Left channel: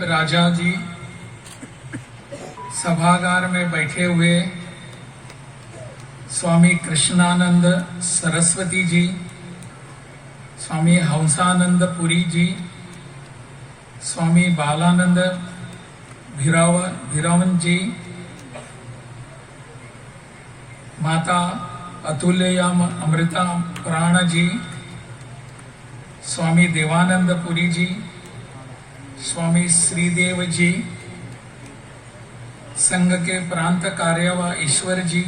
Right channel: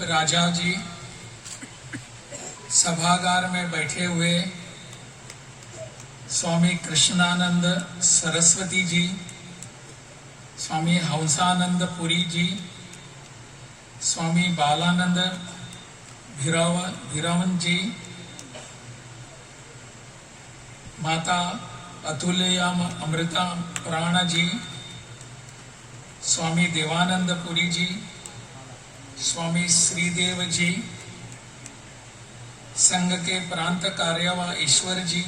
राजा जी, सभागार में बैठे हुए स्वामी कृष्णानंद सरस्वती जी, स्वामी हंसानंद पुरी जी, स्वामी बालानंद भीरावन जी, माता अतुल्यम अमृता प्राण जी, स्वामी देवानंद पुरी जी, स्वामी श्रीदेव जी, संघ के प्रांत कार्यवाह ईश्वर जी,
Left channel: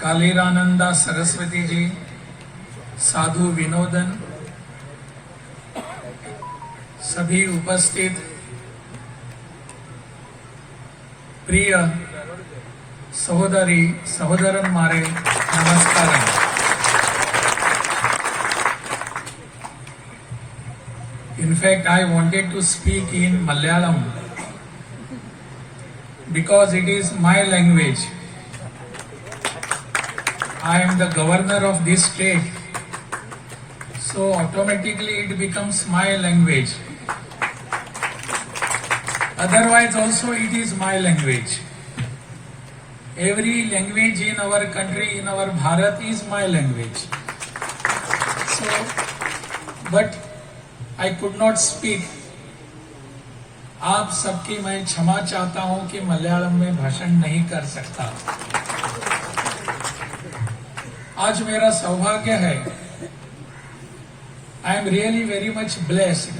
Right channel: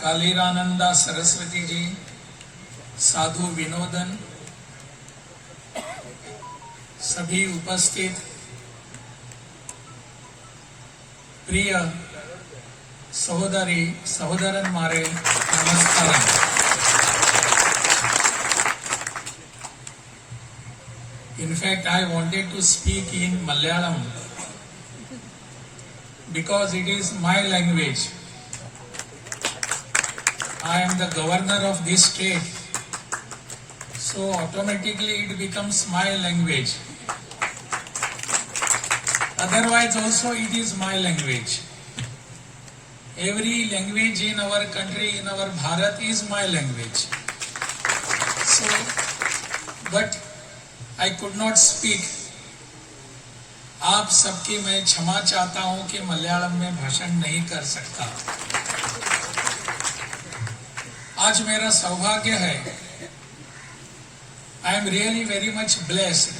कालीरानंदा सरस्वती जी, साधु विनोदन, सभी उपस्थित प्रिय सहोदरी सहोदरन मारे नमस्कार। In fact, I wanted to speak in Malayalam because it is my language. I am the governor of this state, so automatically it becomes my language. Otherwise also it is my language. Every language in our country, in our Bharat, is my language. So, but I could not speak. आप सबकी मैं क्षमा चाहता हूं कि मलयालम में भाषण नहीं कर सकता। आज मेरा सौभाग्य है, I am really very much blessed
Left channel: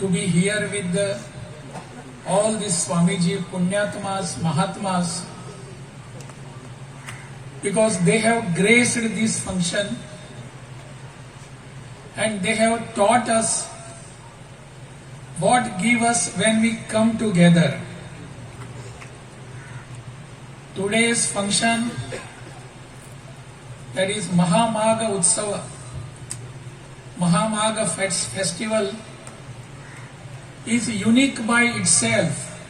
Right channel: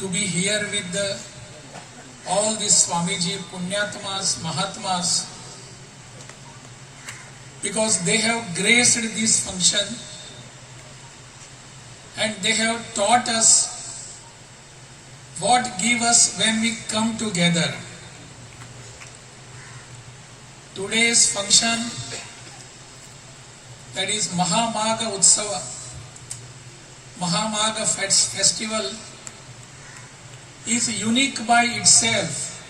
to be here with all these Swamiji, Punyatmas, Mahatmas, because they have graced this function and they have taught us what give us when we come together. Today's function, that is Mahamagha Utsava, Mahamagha festival, is unique by itself.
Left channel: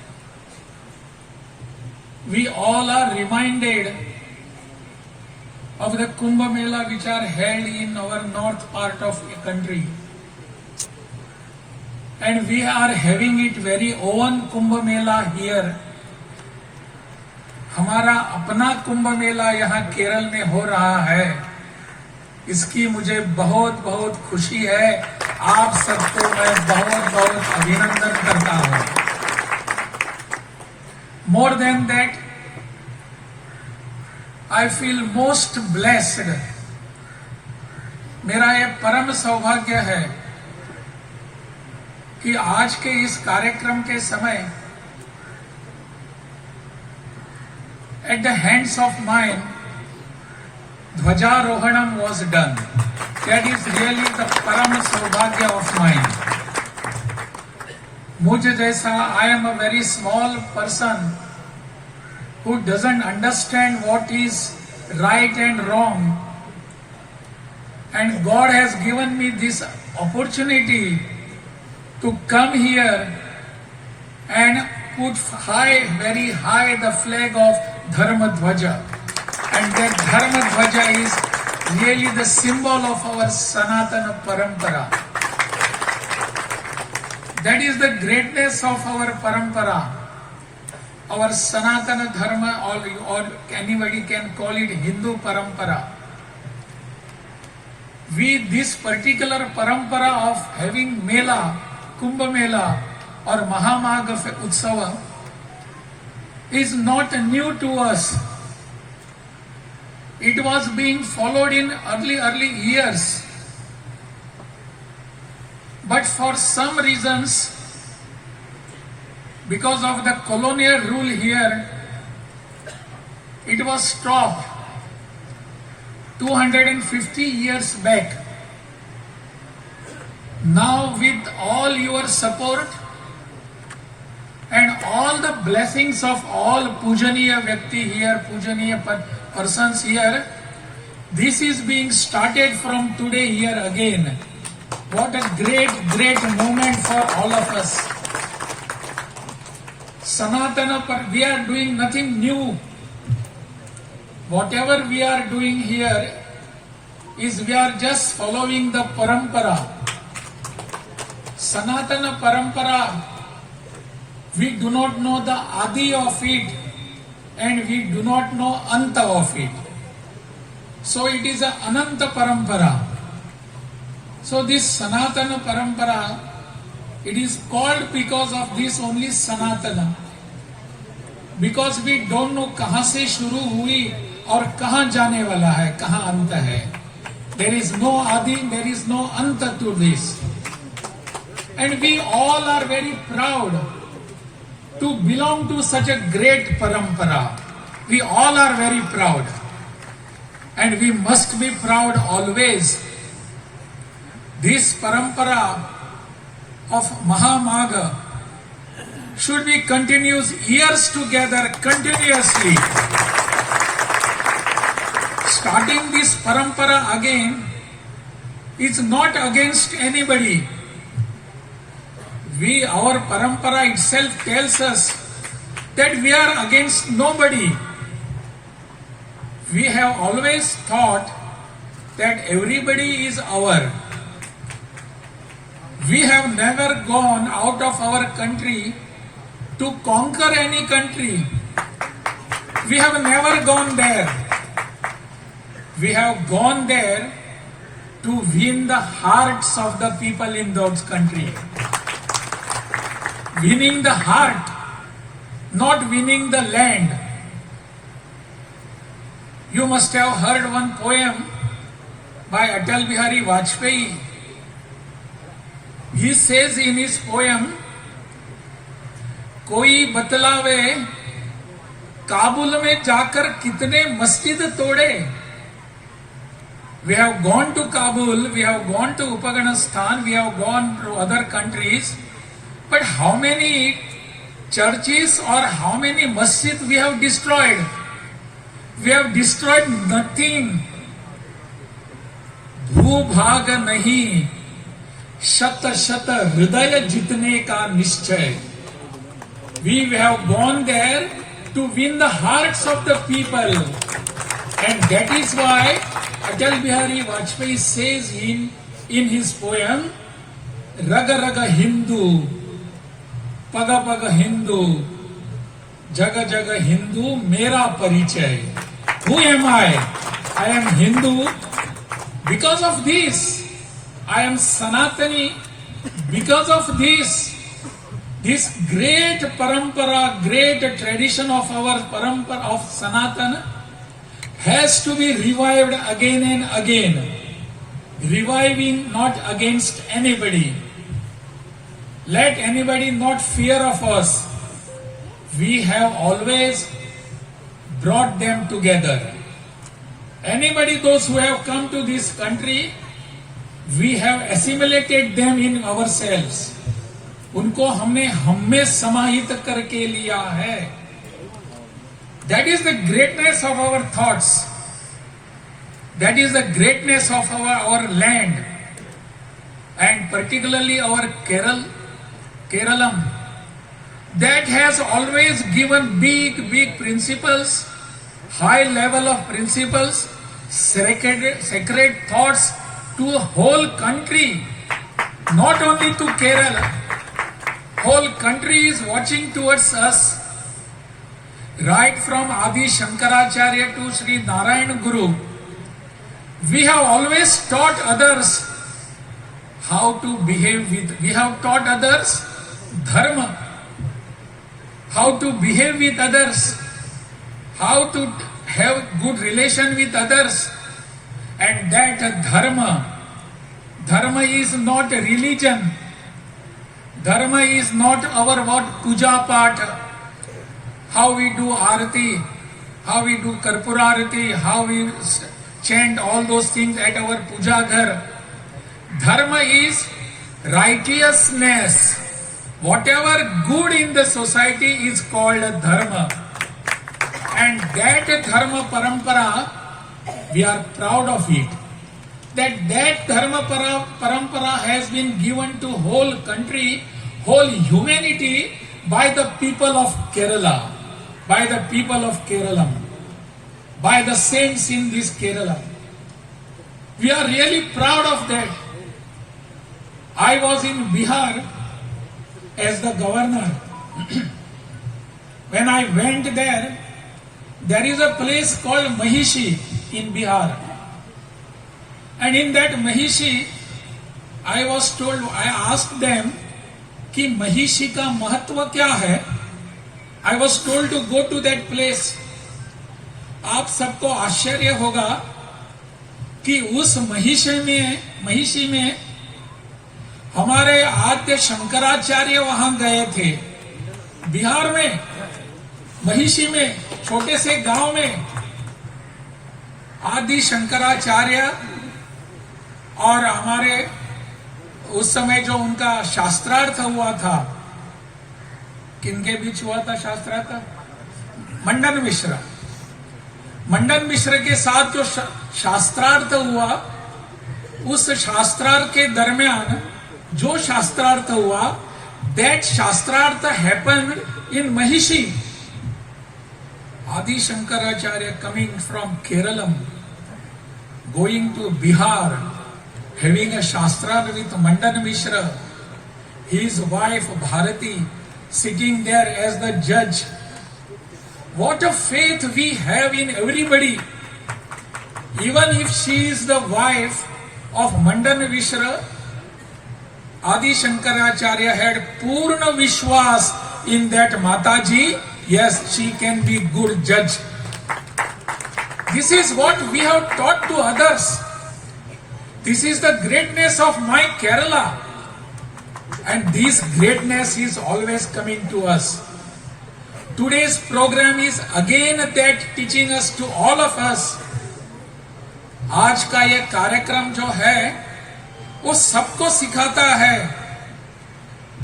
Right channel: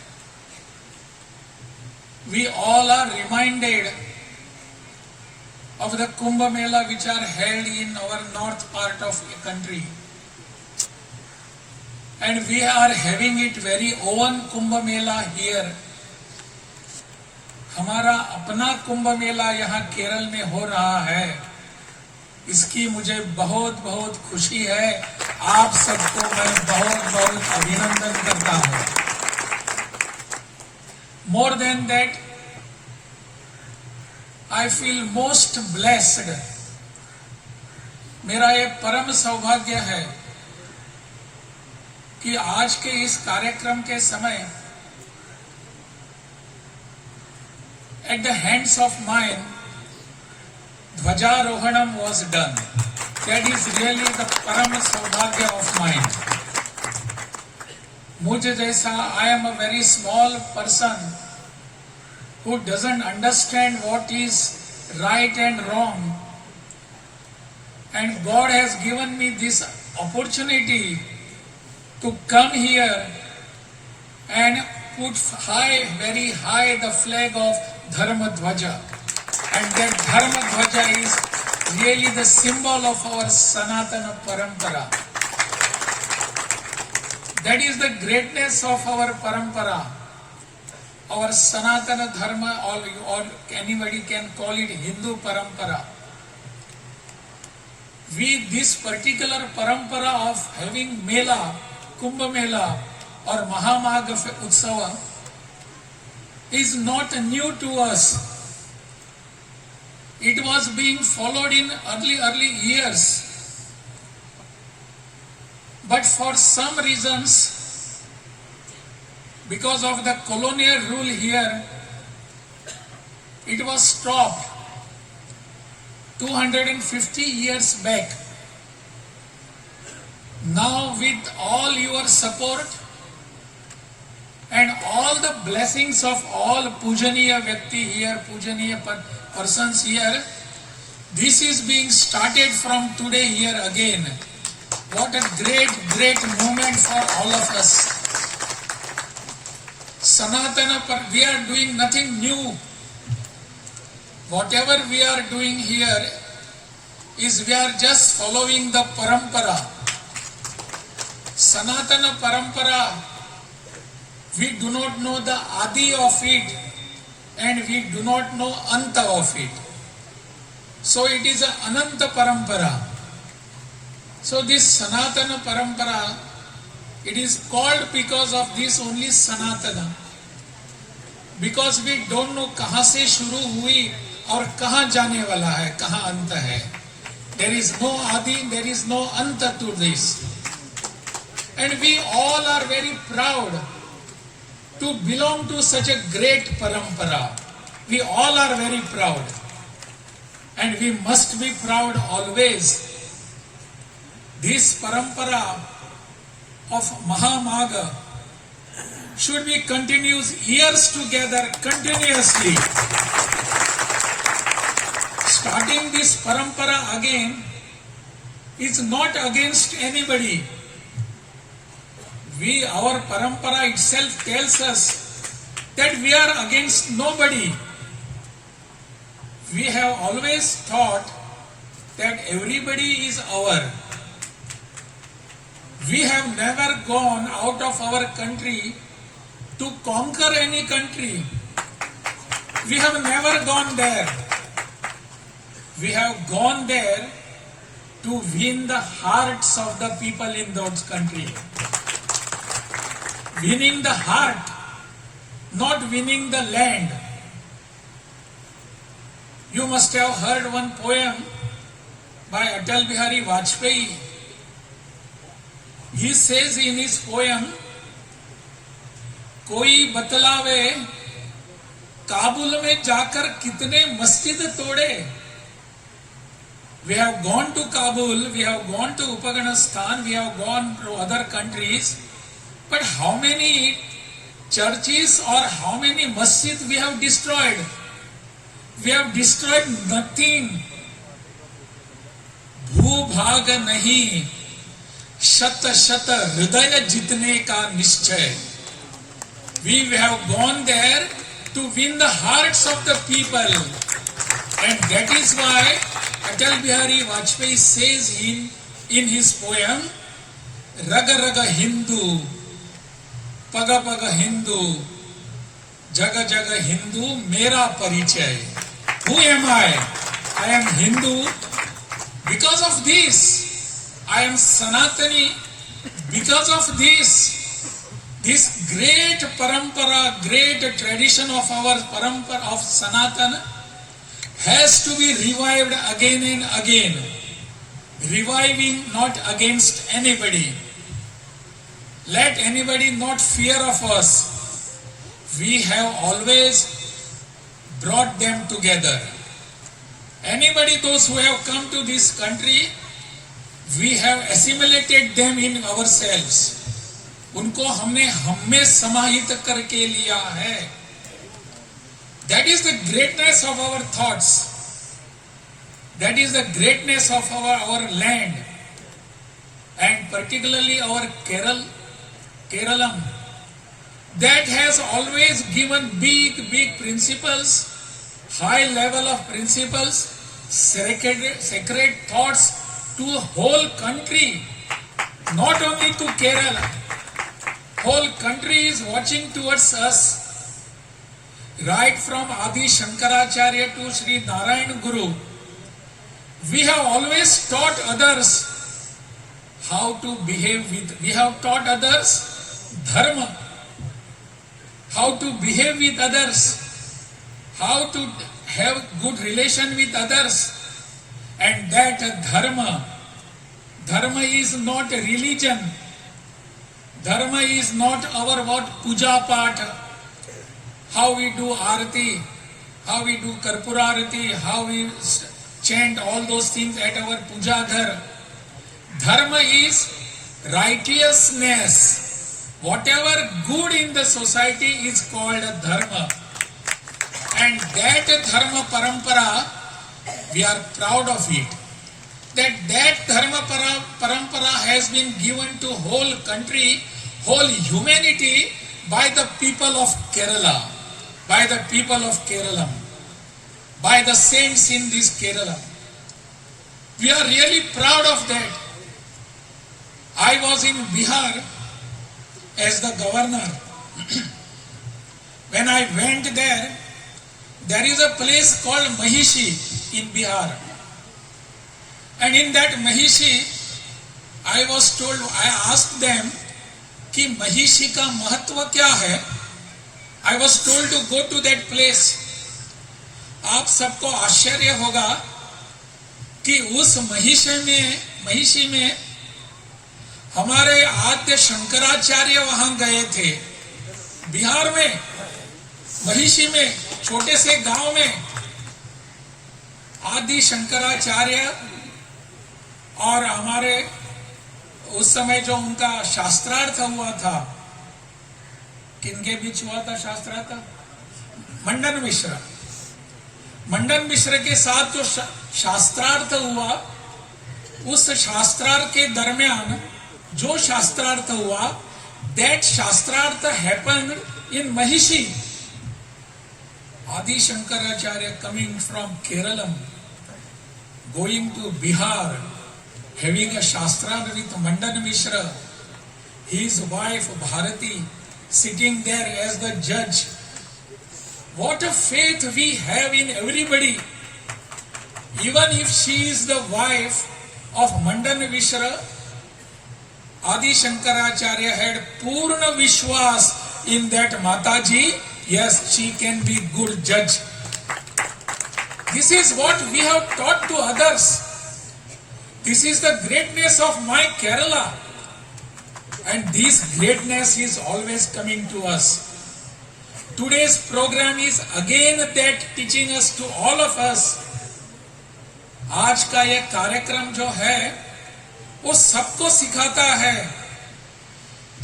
We all are reminded of the Kumbh Mela which are held in our north part of the country. And we are having it very own Kumbh Mela here. हमारा अपना कुंभ मेला यहाँ केरल में हो रहा है, इसकी मुझे बहुत बहुत खुशी है। आप सबको मैं बहुत बहुत अभिनंदन करता हूँ। More than that, I feel most blessed. मेरा ये परम सौभाग्य है कि आज के इस कार्यक्रम के समय at the hands of mine Dhwajarohanam was done. That is really the param saubhagya of mine. मुझे जैसा, I am a very small person who doesn't understand what is right and wrong, and God has given me this opportunity to come here and put high, very high, the flag of Dharma Dhwaja. And that Dharma Dhwaja is really the symbol of our Sanatana Parampara. That is the greatness of our Parampara. Our Sanatana Dharma, or anybody can call it Hindu Parampara. This particular Parampara of having Mela, Kumbh Mela or Mahamagha Utsava is not new to us. It was being followed in early years. But for some reasons, because of the colonial rule here, it was stopped 250 years back. Now with all your support and all the blessings of all Pujaniya Vyakti here, Pujaniya persons here, this is being started from today here again. What a great movement for all of us. Sanatana, we are doing nothing new. Whatever we are doing here is we are just following the parampara. Sanatana Parampara, we do not know the Adi of it and we do not know Anta of it. So it is a Ananta Parampara. So this Sanatana Parampara, it is called because of this only Sanatana. Because we don't know कहाँ से शुरू हुई और कहाँ जाने वाला है, कहाँ अंत है. There is no Adi, there is no Anta to this. And we all are very proud to belong to such a great parampara. We all are very proud. And we must be proud always. This parampara of Mahamagha should be continuous years together, continuously. Starting this parampara again is not against anybody. Our parampara itself tells us that we are against nobody. We have always thought that everybody is our. We have never gone out of our country to conquer any country. We have never gone there. We have gone there to win the hearts of the people in those country. Winning the heart, not winning the land. You must have heard one poem by Atal Bihari Vajpayee. He says in his poem, कोई बतलावे काबुल में जाकर कितने मस्जिद तोड़े. We have gone to Kabul, we have gone to Upaghanistan, we have gone to other countries, but how many churches or how many masjids we have destroyed? We have destroyed nothing. भूभाग नहीं, शत शत हृदय जितने का निश्चय. We have gone there to win the hearts of the people, and that is why Atal Bihari Vajpayee says in his poem, Raga Raga Hindu, Paga Paga Hindu, Jaga Jaga Hindu, Mera Parichay. Who am I? I am Hindu because of this. I am Sanatani because of this. This great parampara, great tradition of our parampara of Sanatana has to be revived again and again. Reviving not against anybody. Let anybody not fear of us. We have always brought them together. Anybody, those who have come to this country, we have assimilated them in ourselves. उनको हमने हमें समाहित करके लिया है. That is the greatness of our thoughts. That is the greatness of our land, and particularly our Keralam, that has always given big principles, high level of principles, sacred thoughts to a whole country, not only to Kerala. Whole country is watching towards us. Right from Adi Shankaracharya to Sri Narayan Guru, we have always taught others how to behave with. We have taught others dharma, how to behave with others, how to have good relation with others, and that dharma is not a religion. Dharma is not our puja path. How we do arati, how we do karpura arati, how we chant all those things at our puja ghar. Dharma is righteousness. Whatever good in the society is called dharma. And that dharma parampara, we are proud of it. That dharma parampara has been given to whole country, whole humanity by the people of Kerala. By the people of Kerala, by the saints in this Kerala. We are really proud of that. I was in Bihar as the governor. When I went there, there is a place called Mahishi in Bihar. And in that Mahishi, I asked them कि महिषी का महत्व क्या है. I was told to go to that place. आप सबको आश्चर्य होगा कि उस महिषी में हमारे आद्य शंकराचार्य वहां गए थे. बिहार में महिषी में छोटे से गांव में आदि शंकराचार्य और हमारे उस समय जो उनका शास्त्रार्थ हुआ था, किनके बीच हुआ था शास्त्रार्थ? मंडन मिश्र के साथ जो शास्त्रार्थ हुआ, उस शास्त्रार्थ के दरमियान जो शास्त्रार्थ हुआ, that शास्त्रार्थ happened in Mahishi. Adi Shankaracharya coming from Kerala, going to Bihar, having a shastrarth with Mandan Mishra, his wife Bharati sitting there as the judge. What a faith we have in everybody. Even if she is the wife of Mandan Mishra, Adi Shankaracharya had Purna Vishwas in that Mataji. Yes, she can be good judge. This is what we have taught to others. This is the greatness of my Kerala. And this greatness is always coming to us. Today's program is again that teaching us to all of us. आज का ये कार्यक्रम जो है वो सबको सिखाता है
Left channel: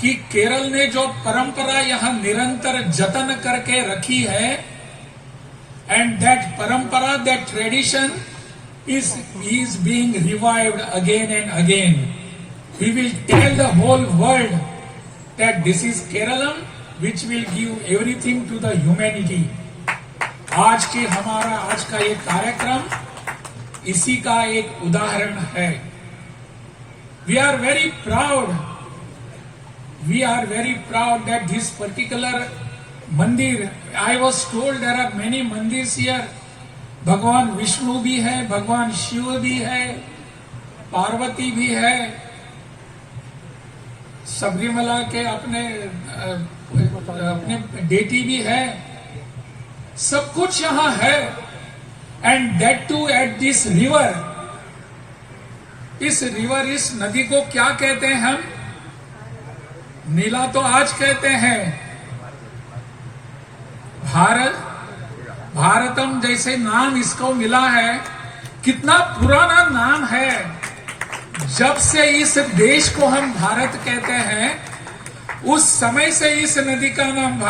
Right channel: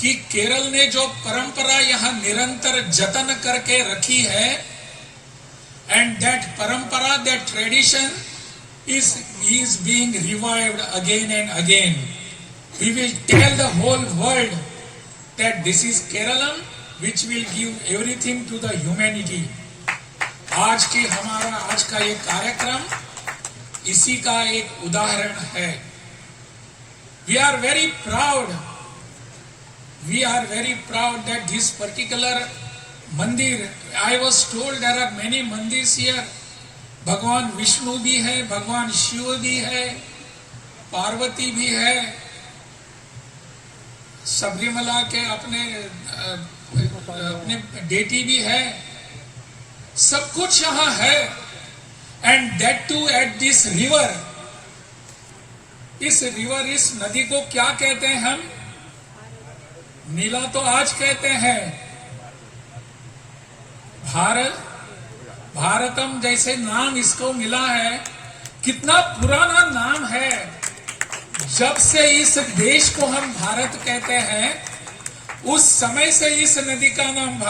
कि केरल ने जो परंपरा यहाँ निरंतर जतन करके रखी है, and that parampara, that tradition is being revived again and again. We will tell the whole world that this is Keralam, which will give everything to the humanity. आज का ये कार्यक्रम इसी का एक उदाहरण है. We are very proud that this particular मंदिर, I was told there are many मंदिर here. भगवान विष्णु भी है, भगवान शिव भी है, पार्वती भी है, सबरीमला के अपने डेटी भी है, सब कुछ यहाँ है. And that too at this river. इस नदी को क्या कहते हैं हम? नीला तो आज कहते हैं. भारतम जैसे नाम इसको मिला है, कितना पुराना नाम है. जब से इस देश को हम भारत कहते हैं, उस समय से इस नदी का नाम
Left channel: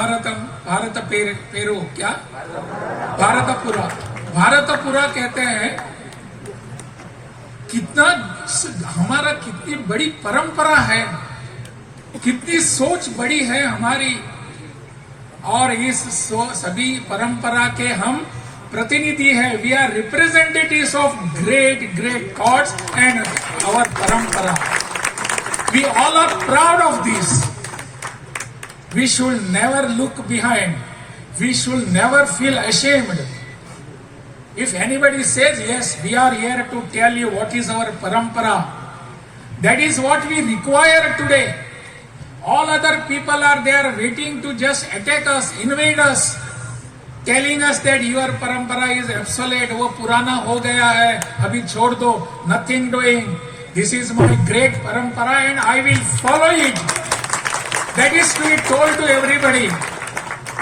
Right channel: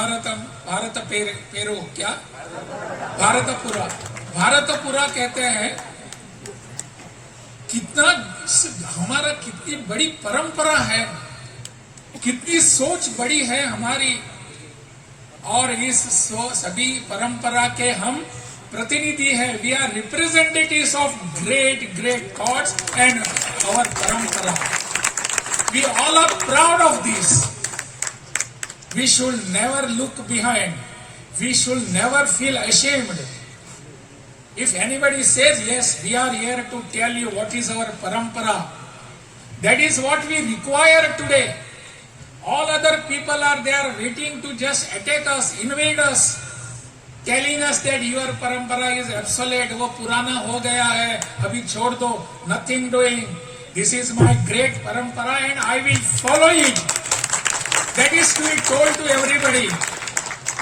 भारतपुरा कहते हैं. कितनी बड़ी परंपरा है, कितनी सोच बड़ी है हमारी. और इस सभी परंपरा के हम प्रतिनिधि है. We are representatives of great gods and our parampara. We all are proud of this. We should never look behind. We should never feel ashamed. If anybody says, yes, we are here to tell you what is our parampara, that is what we require today. All other people are there waiting to just attack us, invade us, telling us that your parampara is obsolete, वो पुराना हो गया है, अभी छोड़ दो, nothing doing. This is my great parampara and I will follow it. That is to be told to everybody.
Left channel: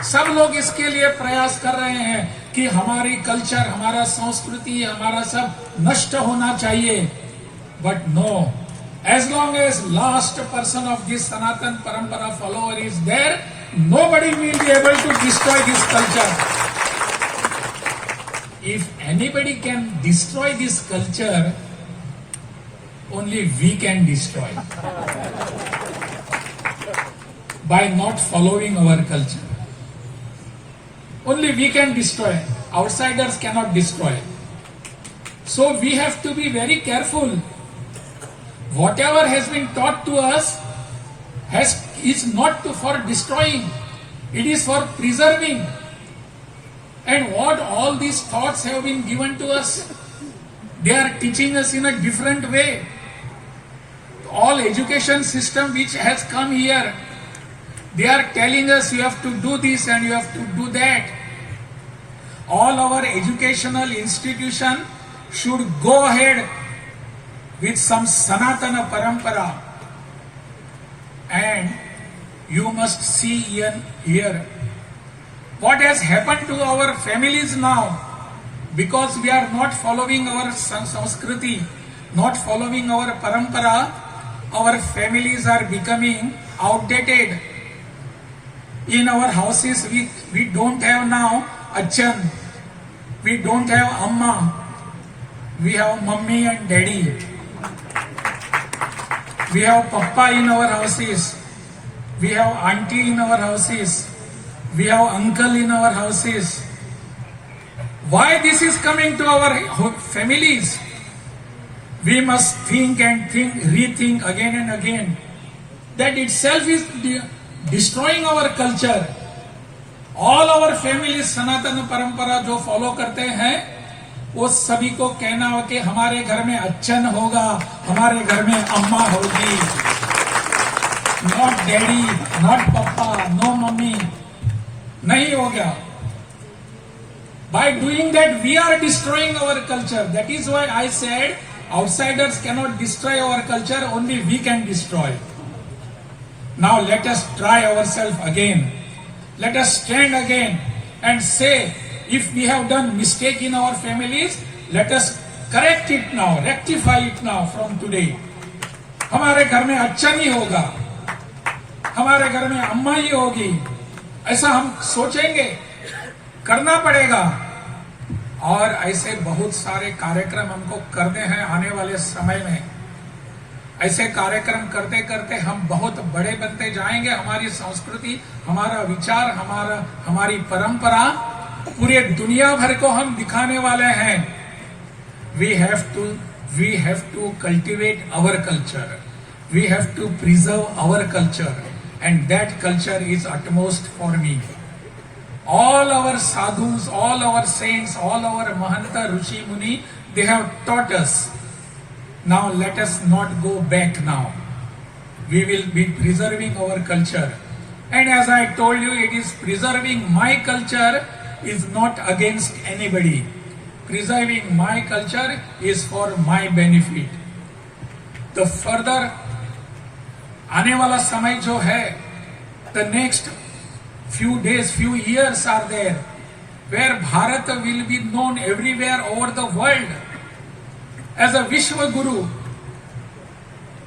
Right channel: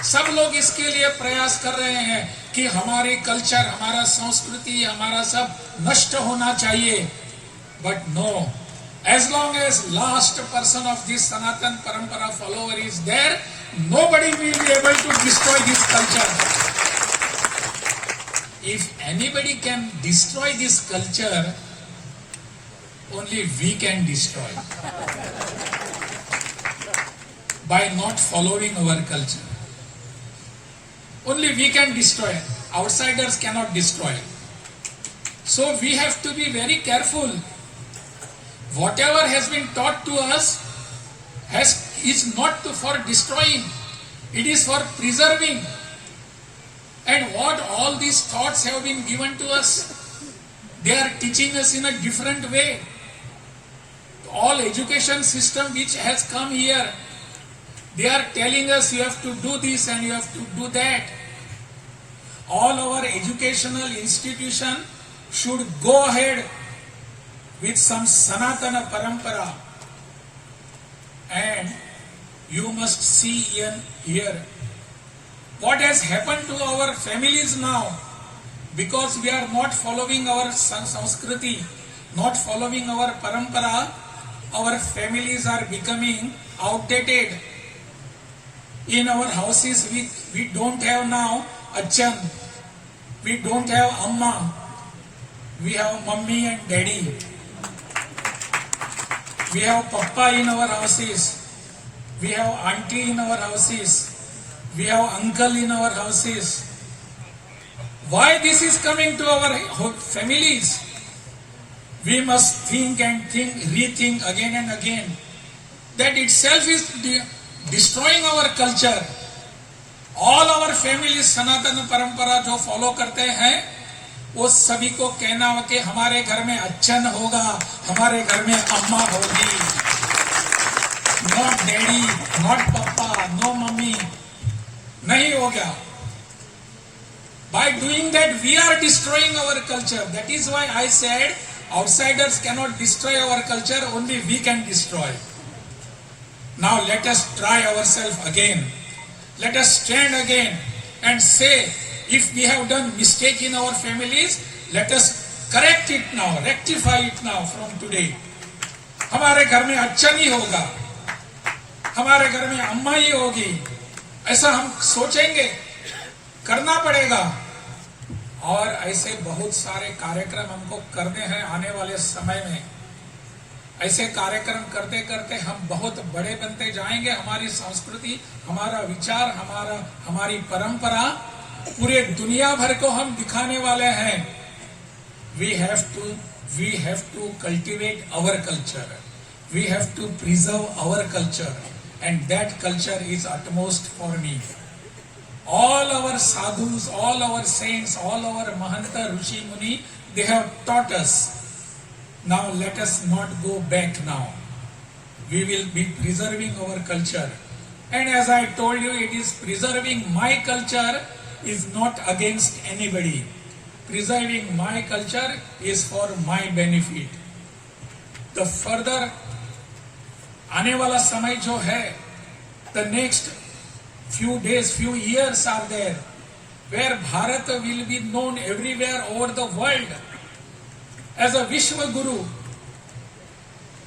सब लोग इसके लिए प्रयास कर रहे हैं कि हमारी कल्चर, हमारा संस्कृति, हमारा सब नष्ट होना चाहिए. But no. As long as last person of this Sanatan Parampara follower is there, nobody will be able to destroy this culture. If anybody can destroy this culture, only we can destroy. By not following our culture. Only we can destroy. Outsiders cannot destroy. So we have to be very careful. whatever has been taught to us is not for destroying, it is for preserving. And what all these thoughts have been given to us, they are teaching us in a different way. All education system which has come here, they are telling us you have to do this and you have to do that. All our educational institution should go ahead with some Sanatana Parampara. And you must see here what has happened to our families now, because we are not following our Sanskriti, not following our Parampara. Our families are becoming outdated. In our houses, we don't have now Achan, we don't have Amma, we have Mummy and Daddy. We have Papa in our houses, we have Auntie in our houses, we have Uncle in our houses. Why this is coming to our families? We must think and rethink again and again. That itself is destroying our culture. All our families सनातन परंपरा जो follow करते हैं, वो सभी को कहना हो कि हमारे घर में अच्छन होगा, हमारे घर में अम्मा होगी, नॉट डैडी, नॉट पापा, नो मम्मी, नहीं हो गया. By doing that, we are destroying our culture. That is why I said, outsiders cannot destroy our culture, only we can destroy. Now let us try ourselves again. Let us stand again and say, if we have done mistake in our families, let us correct it now, rectify it now from today. हमारे घर में अच्छा नहीं होगा, हमारे घर में अम्मा ही होगी, ऐसा हम सोचेंगे, करना पड़ेगा. और ऐसे बहुत सारे कार्यक्रम हमको करने हैं आने वाले समय में. ऐसे कार्यक्रम करते करते हम बहुत बड़े बनते जाएंगे. हमारी संस्कृति, हमारा विचार, हमारी परंपरा पूरे दुनिया भर को हम दिखाने वाले हैं. We have to cultivate our culture. We have to preserve our culture, and that culture is utmost for me. All our sadhus, all our saints, all our Mahanta, Rishi, Muni, they have taught us. Now let us not go back now. We will be preserving our culture. And as I told you, it is preserving my culture is not against anybody. Preserving my culture is for my benefit. The further आने वाला समय जो है, the next few days, few years are there, where Bharat will be known everywhere over the world as a Vishwa Guru.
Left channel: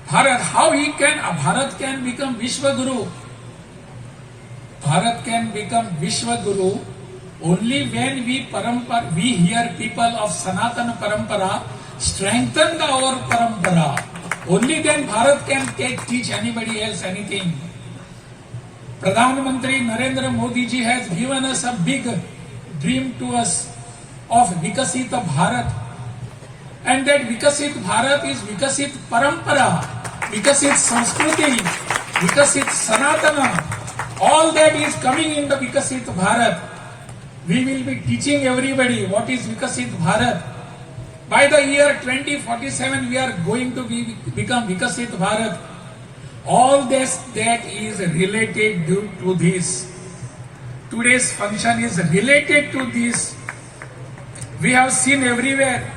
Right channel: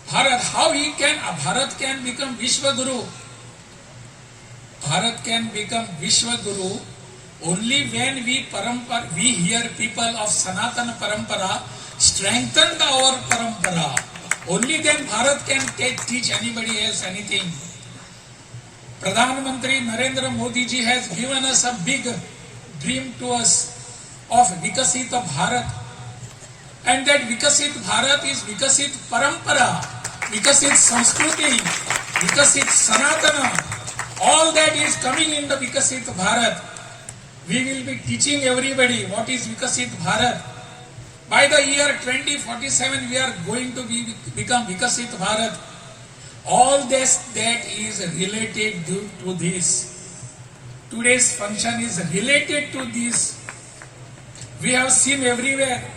Bharat can become Vishwa Guru? Bharat can become Vishwa Guru only when we here people of Sanatana Parampara strengthen our Parampara. Only then Bharat can teach anybody else anything. Pradhan Mantri Narendra Modi ji has given us a big dream to us of Vikasit Bharat. And that Vikasit Bharat is Vikasit Parampara, Vikasit Sanskriti, Vikasit Sanatana. All that is coming in the Vikasit Bharat. We will be teaching everybody what is Vikasit Bharat. By the year 2047, we are going to become Vikasit Bharat. All this that is related to this. Today's function is related to this. We have seen everywhere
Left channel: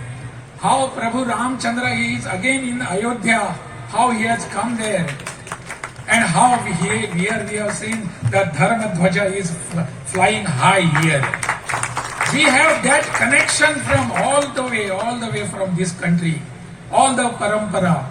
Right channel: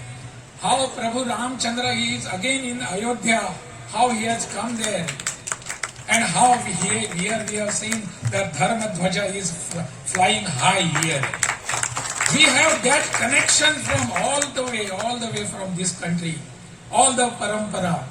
how Prabhu Ramchandra is again in Ayodhya, how he has come there, and how here we have seen the Dharma Dhwaja is flying high here. We have that connection from all the way from this country, all the parampara.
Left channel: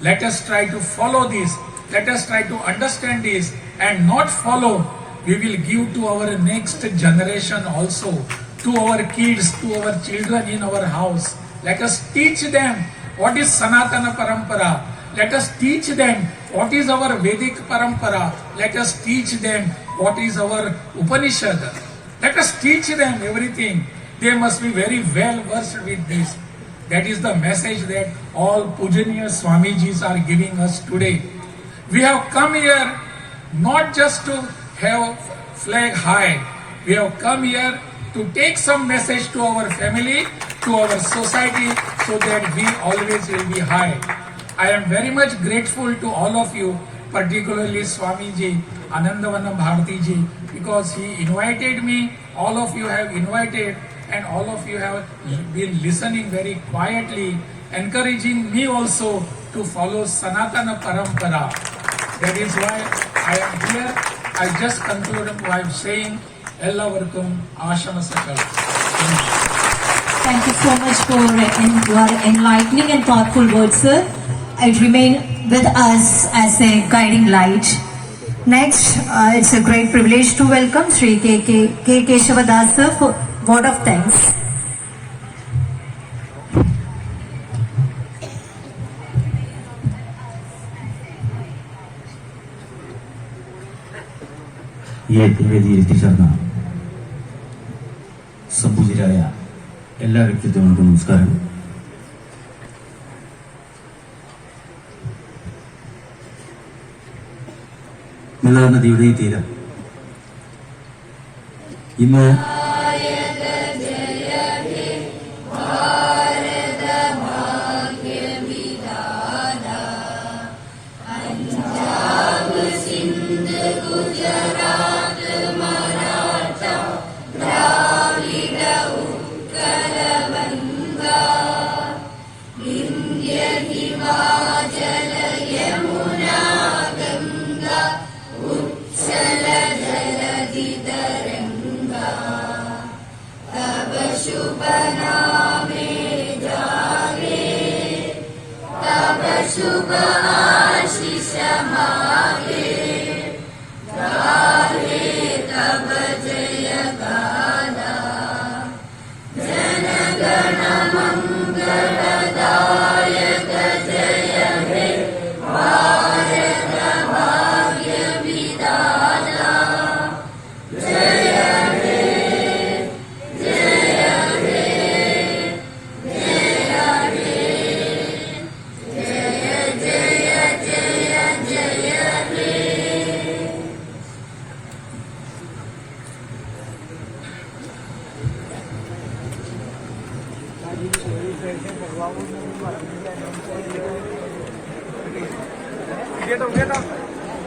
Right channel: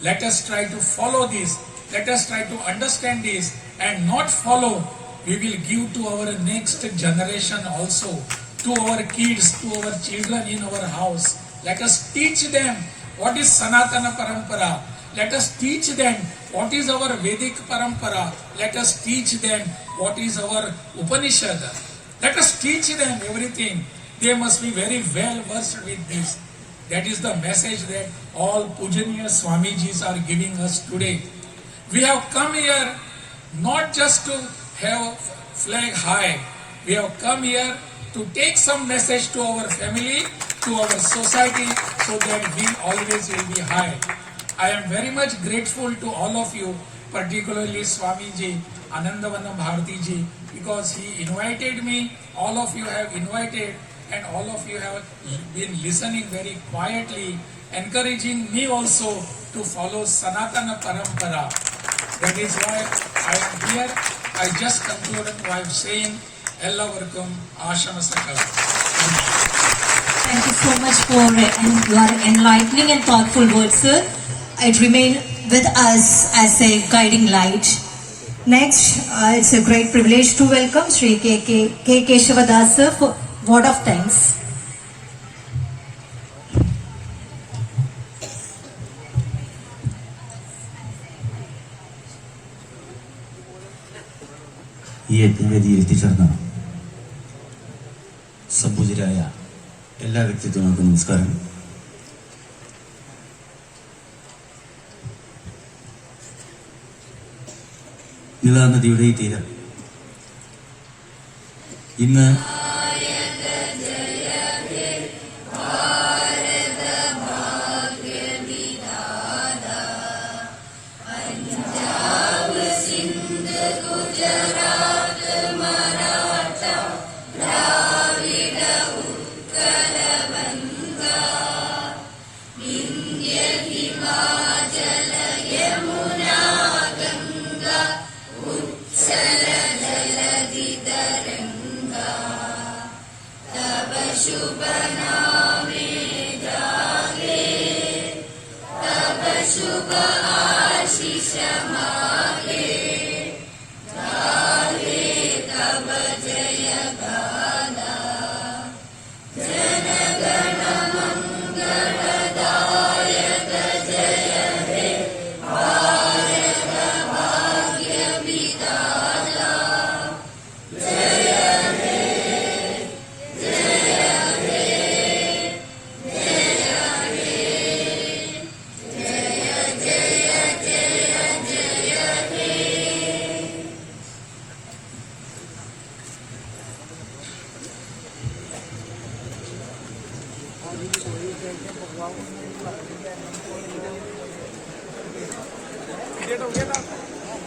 Let us try to follow this. Let us try to understand this and not follow. We will give to our next generation also, to our kids, to our children in our house. Let us teach them what is Sanatana Parampara. Let us teach them what is our Vedic Parampara. Let us teach them what is our Upanishad. Let us teach them everything. They must be very well versed with this. That is the message that all Pujaniya Swamijis are giving us today. We have come here not just to have flag high. We have come here to take some message to our family, to our society, so that we always will be high. I am very much grateful to all of you, particularly Swamiji, Anandavana Bharati ji, because he invited me, all of you have invited, and all of you have been listening very quietly, encouraging me also to follow Sanatana Parampara. That is why I am here. I just concluded by saying, Ellavarkum Ashamasaka. Thank you so much for your enlightening and thoughtful words, sir. It remain with us as a guiding light. Next, it's a great privilege to welcome Sri K. Keshavadas sir for word of thanks. ഈ യജ്ഞവേദിയിൽ എത്തിച്ചേർന്ന സംപൂജ്യരായ എല്ലാ വ്യക്തിത്വങ്ങൾക്കും നമസ്കാരം. നിലാ നദിയുടെ ഈ തീരം ഇന്ന്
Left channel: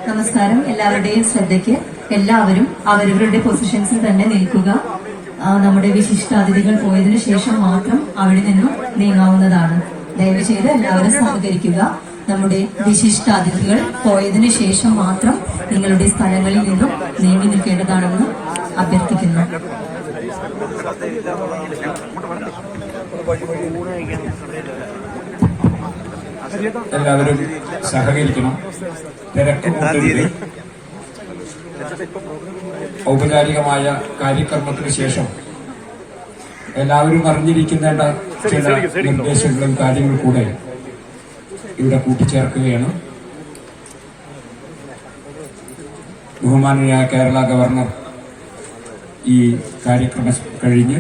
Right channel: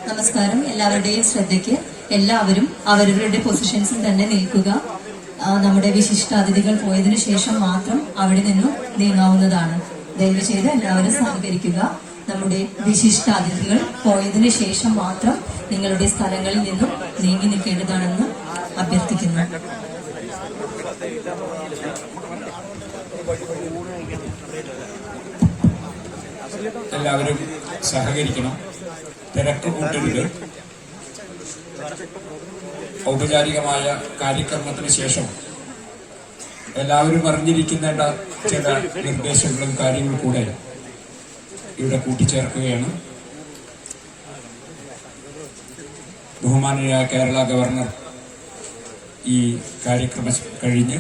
നമസ്കാരം. എല്ലാവരുടെയും ശ്രദ്ധയ്ക്ക് എല്ലാവരും അവരവരുടെ പൊസിഷൻസിൽ തന്നെ നിൽക്കുക. നമ്മുടെ വിശിഷ്ടാതിഥികൾ പോയതിനു ശേഷം മാത്രം അവിടെ നിന്നും നീങ്ങാവുന്നതാണ്. ദയവ് ചെയ്ത് എല്ലാവരും സഹകരിക്കുക. നമ്മുടെ വിശിഷ്ടാതിഥികൾ പോയതിനു ശേഷം മാത്രം നിങ്ങളുടെ സ്ഥലങ്ങളിൽ നിന്നും നീങ്ങി നിൽക്കേണ്ടതാണെന്ന് അഭ്യർത്ഥിക്കുന്നു. എല്ലാവരും സഹകരിക്കണം. തിരക്ക് കൂട്ടരുത്. ഔപചാരികമായ കാര്യക്രമത്തിന് ശേഷം എല്ലാവരും അറിഞ്ഞിരിക്കേണ്ട ചില നിർദ്ദേശങ്ങളും കാര്യങ്ങളും കൂടെ ഇവിടെ കൂട്ടിച്ചേർക്കുകയാണ്. ബഹുമാനീയനായ കേരള ഗവർണർ ഈ കാര്യക്രമം കഴിഞ്ഞ്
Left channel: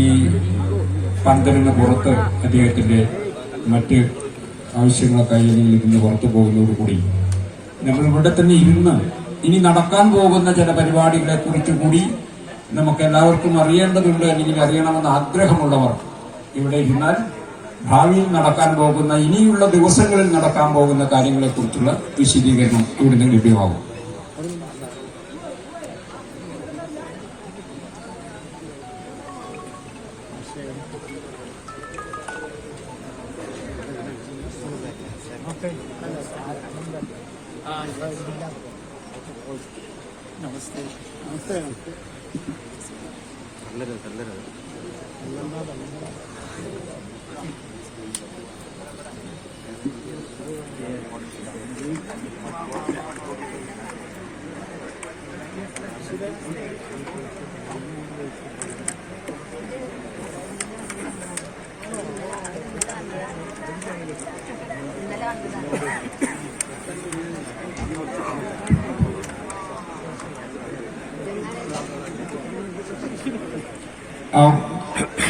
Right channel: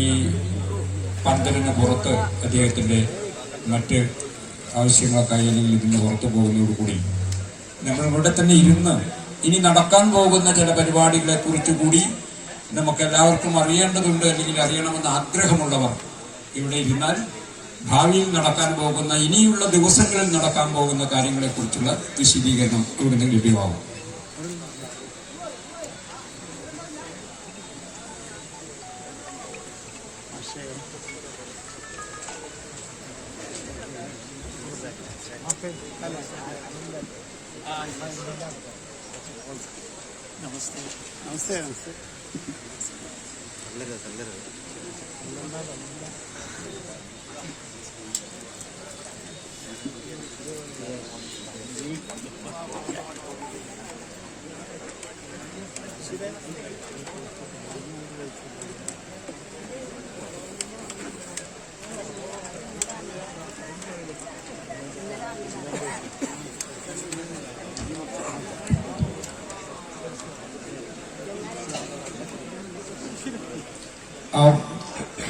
ഈ പന്തലിന് പുറത്ത് അദ്ദേഹത്തിന്റെ മറ്റ് ആവശ്യങ്ങളൊക്കെ അല്ലെങ്കിൽ ഇതിന് പുറത്തു പോകുന്നതോടുകൂടി നമ്മൾ ഇവിടെ തന്നെ ഇരുന്ന് ഇനി നടക്കാൻ പോകുന്ന ചില പരിപാടികളെ കുറിച്ച് കൂടി നമുക്ക് എല്ലാവർക്കും അറിയേണ്ടതുണ്ട്, അല്ലെങ്കിൽ അറിയണമെന്ന് ആഗ്രഹമുള്ളവർ ഇവിടെ ഇരുന്നാൽ ഭാവിയിൽ നടക്കാൻ പോകുന്ന ഇനിയുള്ള ദിവസങ്ങളിൽ നടക്കാൻ പോകുന്ന കാര്യങ്ങളെ കുറിച്ചുള്ള വിശദീകരണം ഇവിടുന്ന് ലഭ്യമാകും. നമസ്തേ നമസ്തേ നമസ്തേ തള്ളരുത് തള്ളരുത്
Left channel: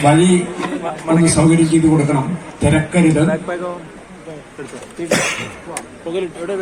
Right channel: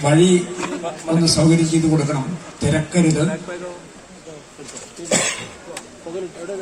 വഴി ഒന്ന് സൗകര്യം ചെയ്തു കൊടുക്കണം. തിരക്കരുത്. എവിടെ